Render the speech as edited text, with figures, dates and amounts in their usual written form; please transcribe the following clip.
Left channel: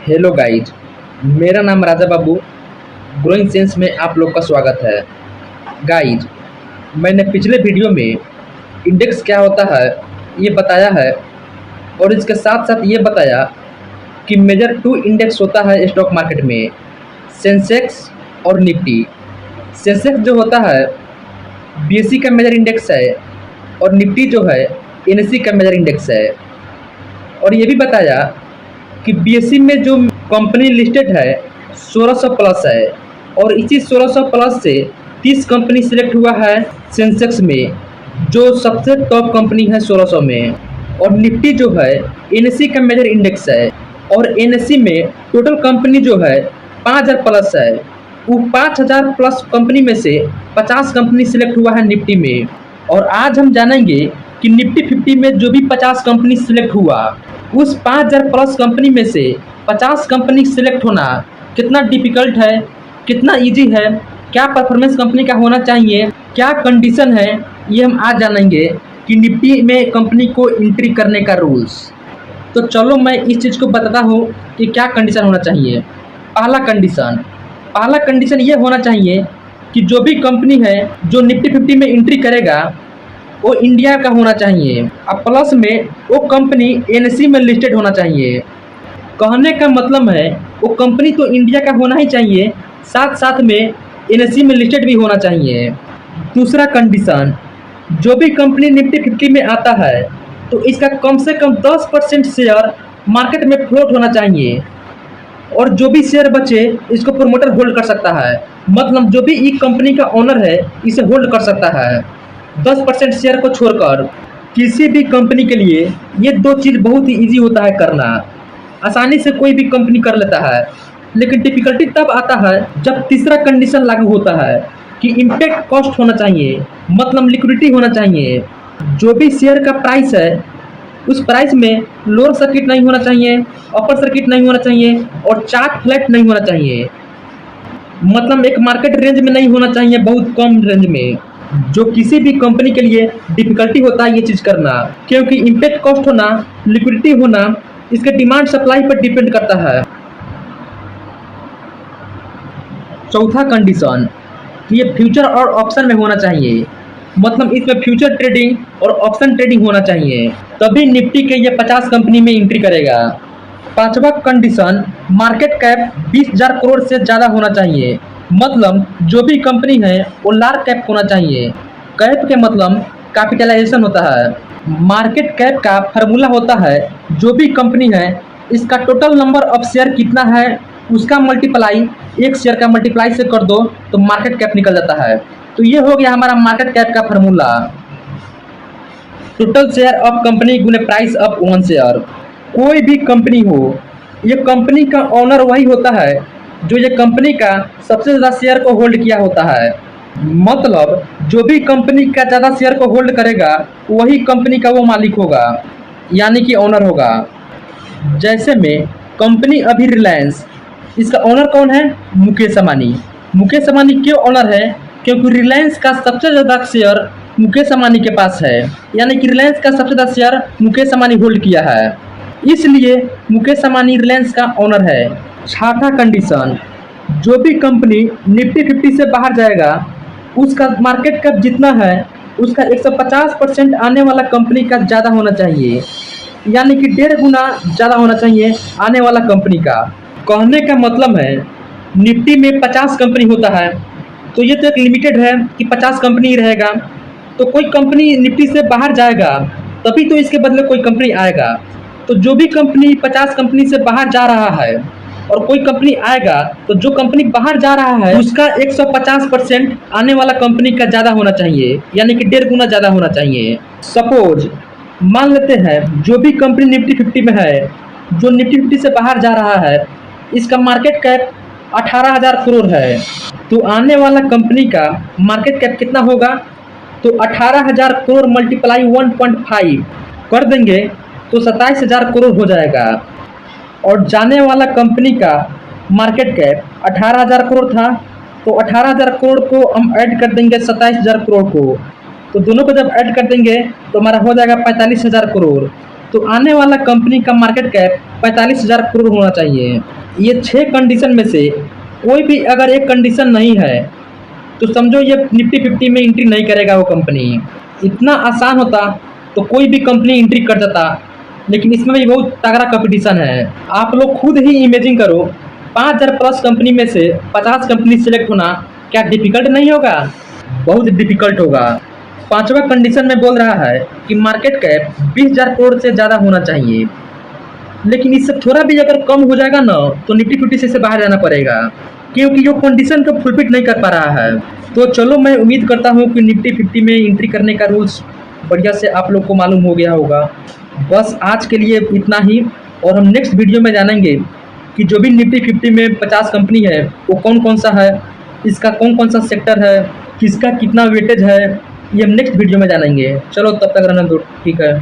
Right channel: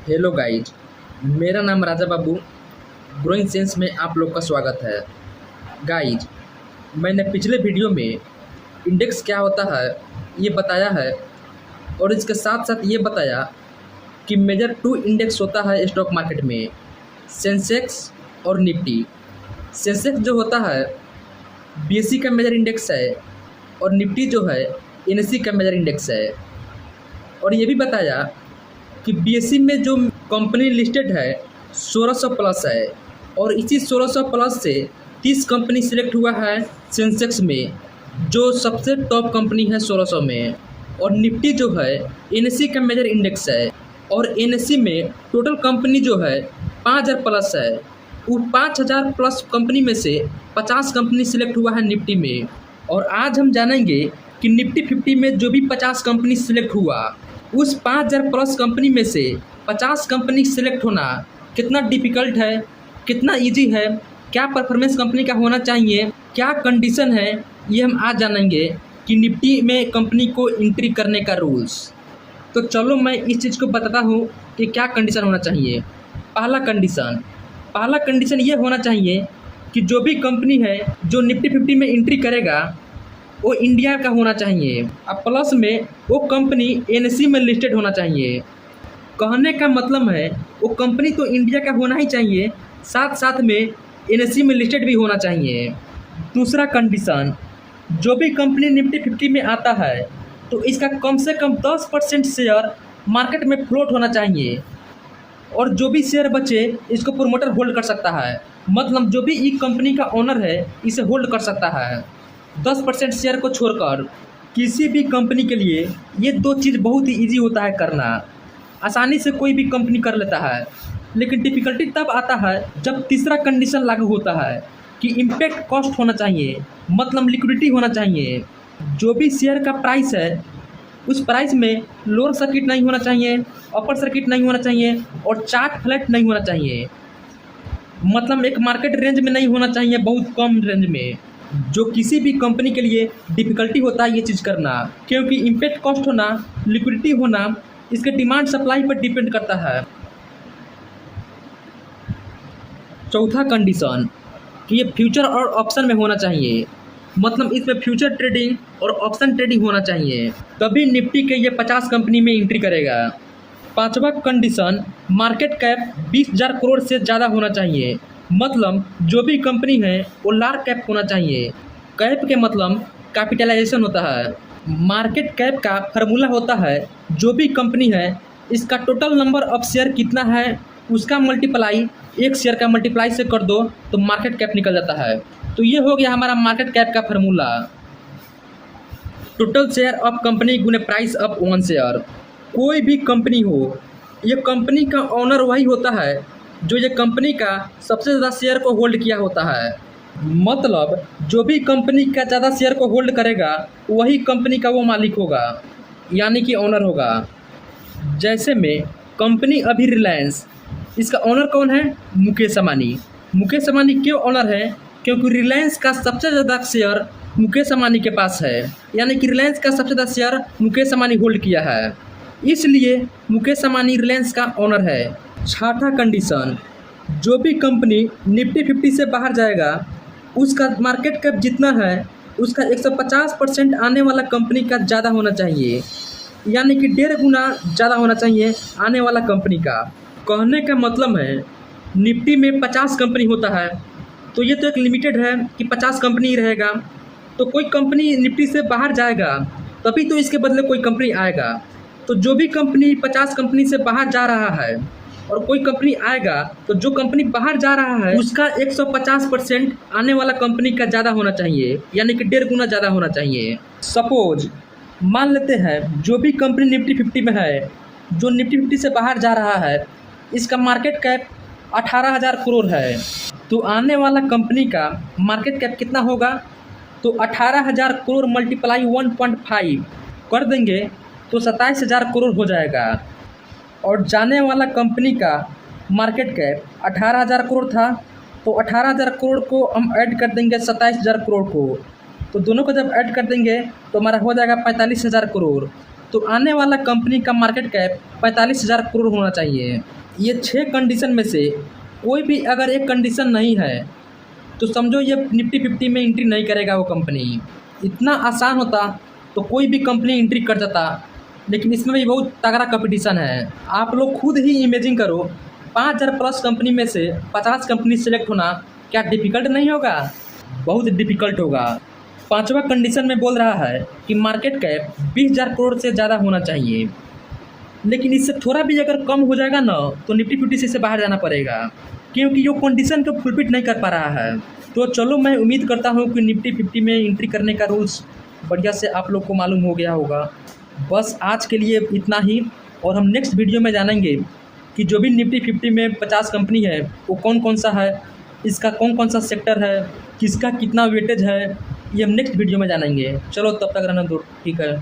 Hello guys. मेरा नाम Raja Babu. Growing sense में आप लोग का स्वागत है। गाइज, मैंने पिछले वीडियो में इंडेक्स क्या होता है ये बताया है, और इसके साथ साथ ये बताया कि मेजर टू इंडेक्स होता है स्टॉक मार्केट में, सेंसेक्स और निफ्टी। सेंसेक्स जो होता है बीएसई का मेजर इंडेक्स है, और निफ्टी जो है एनएसई का मेजर इंडेक्स है। और ये भी बताया कि बीएसई में जो कंपनी लिस्टेड है 1600 प्लस है, और इसी 1600 प्लस से 30 कंपनी सिलेक्ट हुआ है सेंसेक्स में, जो सबसे टॉप कंपनी है 1600 में। और निफ्टी जो है एनएसई का मेजर इंडेक्स है, और एनएसई में टोटल कंपनी जो है 5000 प्लस है। वो 5000 प्लस कंपनी में से 50 कंपनी सिलेक्ट हुआ है निफ्टी में। और आज हम जानेंगे कि निफ्टी 50 में जो भी 50 कंपनी सिलेक्ट हुआ, उस 5000 प्लस कंपनी में से 50 कंपनी सिलेक्ट होना कितना डिफिकल्ट है, कितना इजी है, क्या परफॉर्मेंस कंपनी का होना चाहिए, क्या कंडीशन है, ये हम आज जानेंगे कि निफ्टी में कंपनी को एंट्री करने का रूल्स। तो चलो मैं इस चीज़ को बताता हूँ कि क्या कंडीशन होना चाहिए। पहला कंडीशन ये होना चाहिए कि जो भी कंपनी है जो निफ्टी 50 में एंट्री करेगा वो इंडिया का होना चाहिए, और प्लस में वो कंपनी एनएसई में लिस्टेड होना चाहिए। कहने का मतलब है वो कंपनी तो इंडिया का होना ही चाहिए, साथ साथ में एनएसई में लिस्टेड भी होना चाहिए। दूसरा कंडीशन, जो भी कंपनी निफ्टी 50 में आता है तो इसका कम से कम 10% शेयर मार्केट में फ्लोट होना चाहिए, और जो भी शेयर बचे इसको प्रोमोटर होल्ड कर सकता है। मतलब जो भी एक कंपनी का ओनर है इसे होल्ड कर सकता है। 10% शेयर को छोड़कर किसी भी कंपनी के लिए ये दो चीज़ बहुत ही ईजी होता है करना। आसानी से कोई भी कंपनी कर लेता है, लेकिन डिफिकल्टी तब आता है जब तीसरा कंडीशन लागू होता है कि इम्पैक्ट कॉस्ट होना चाहिए, मतलब लिक्विडिटी होना चाहिए। जो भी शेयर का प्राइस है उस प्राइस में लोअर सर्किट नहीं होना चाहिए, अपर सर्किट नहीं होना चाहिए, और चार्ट फ्लैट नहीं होना चाहिए। मतलब एक मार्केट रेंज में नहीं होना चाहिए, बहुत कम रेंज में, जो किसी भी कंपनी के लिए डिफिकल्टी होता है ये चीज़ करना, क्योंकि इम्पैक्ट कॉस्ट होना, लिक्विडिटी होना इसके डिमांड सप्लाई पर डिपेंड करता है। चौथा कंडीशन कि ये फ्यूचर और ऑप्शन में होना चाहिए, मतलब इसमें फ्यूचर ट्रेडिंग और ऑप्शन ट्रेडिंग होना चाहिए, तभी निफ्टी के ये 50 कंपनी में एंट्री करेगा। पांचवा कंडीशन, मार्केट कैप 20,000 करोड़ से ज़्यादा होना चाहिए, मतलब जो भी कंपनी है वो लार्ज कैप होना चाहिए। कैप के मतलब कैपिटलाइजेशन होता है। मार्केट कैप का फार्मूला होता है जो भी कंपनी है इसका टोटल नंबर ऑफ शेयर कितना है उसका मल्टीप्लाई एक शेयर का मल्टीप्लाई से कर दो तो मार्केट कैप निकल जाता है। तो ये हो गया हमारा मार्केट कैप का formula. Total share of company गुने प्राइस ऑफ वन शेयर। कोई भी कंपनी हो, ये कंपनी का ओनर वही होता है जो ये कंपनी का सबसे ज़्यादा शेयर को होल्ड किया होता है। मतलब जो भी कंपनी का ज़्यादा शेयर को होल्ड करेगा वही कंपनी का वो मालिक होगा, यानी कि ओनर होगा। जैसे में कंपनी अभी रिलायंस, इसका ओनर कौन है? मुकेश अंबानी। मुकेश अंबानी क्यों ओनर है? क्योंकि रिलायंस का सबसे ज़्यादा शेयर मुकेश अंबानी के पास है, यानी कि रिलायंस का सबसे ज़्यादा शेयर मुकेश अंबानी होल्ड किया है, इसलिए मुकेश अंबानी रिलायंस का ओनर है। छठा कंडीशन, जो भी कंपनी निफ्टी 50 से बाहर जाएगा उसका मार्केट कैप जितना है उसका 150% आने वाला कंपनी का ज़्यादा होना चाहिए, यानी कि 1.5 गुना ज़्यादा होना चाहिए आने वाला कंपनी का। कहने का मतलब है निफ्टी में 50 कंपनी होता है, तो ये तो एक लिमिटेड है कि 50 कंपनी रहेगा। तो कोई कंपनी निफ्टी से बाहर जाएगा तभी तो इसके बदले कोई कंपनी आएगा। तो जो भी कंपनी 50 कंपनी से बाहर जा रहा है और कोई कंपनी आएगा तो जो कंपनी बाहर जा रहा है उसका 150% आने वाला कंपनी का ज़्यादा होना चाहिए, यानी कि 1.5 गुना ज़्यादा होना चाहिए। सपोज मान लेते हैं जो भी कंपनी निफ्टी 50 में है, जो निफ्टी 50 से बाहर जा रहा है, इसका मार्केट कैप 18,000 करोड़ है, तो आने वाला कंपनी का मार्केट कैप कितना होगा? तो 18,000 करोड़ मल्टीप्लाई 1.5 कर देंगे तो 27,000 करोड़ हो जाएगा। और जाने वाला कंपनी का मार्केट कैप 18,000 करोड़ था, तो 18,000 करोड़ को हम ऐड कर देंगे 27,000 करोड़ को, तो दोनों को जब ऐड कर देंगे तो हमारा हो जाएगा 45,000 करोड़। तो आने वाला कंपनी का मार्केट कैप 45,000 करोड़ होना चाहिए। ये 6 कंडीशन में से कोई भी अगर एक कंडीशन नहीं है तो समझो ये निफ्टी 50 में एंट्री नहीं करेगा वो कंपनी। इतना आसान होता तो कोई भी कंपनी एंट्री कर देता, लेकिन इसमें भी बहुत तगड़ा कंपटीशन है। आप लोग खुद ही इमेजिन करो, 5,000 प्लस कंपनी में से 50 कंपनी सेलेक्ट होना क्या डिफिकल्ट नहीं होगा? बहुत डिफिकल्ट होगा। पांचवा कंडीशन में बोल रहा है कि मार्केट कैप 20,000 करोड़ से ज़्यादा होना चाहिए, लेकिन इससे थोड़ा भी अगर कम हो जाएगा ना तो निफ्टी 50 से बाहर जाना पड़ेगा, क्योंकि ये कंडीशन को फुलफिल नहीं कर पा रहा है। तो चलो, मैं उम्मीद करता हूँ कि निफ्टी 50 में एंट्री करने का रूल्स बढ़िया से आप लोग को मालूम हो गया होगा। बस आज के लिए इतना ही, और हम नेक्स्ट वीडियो में जानेंगे कि जो भी निफ्टी 50 में 50 कंपनी है वो कौन कौन सा है, इसका कौन कौन सा सेक्टर है, किसका कितना वेटेज है, ये हम नेक्स्ट वीडियो में जानेंगे। चलो तब तक रहने दो, ठीक है।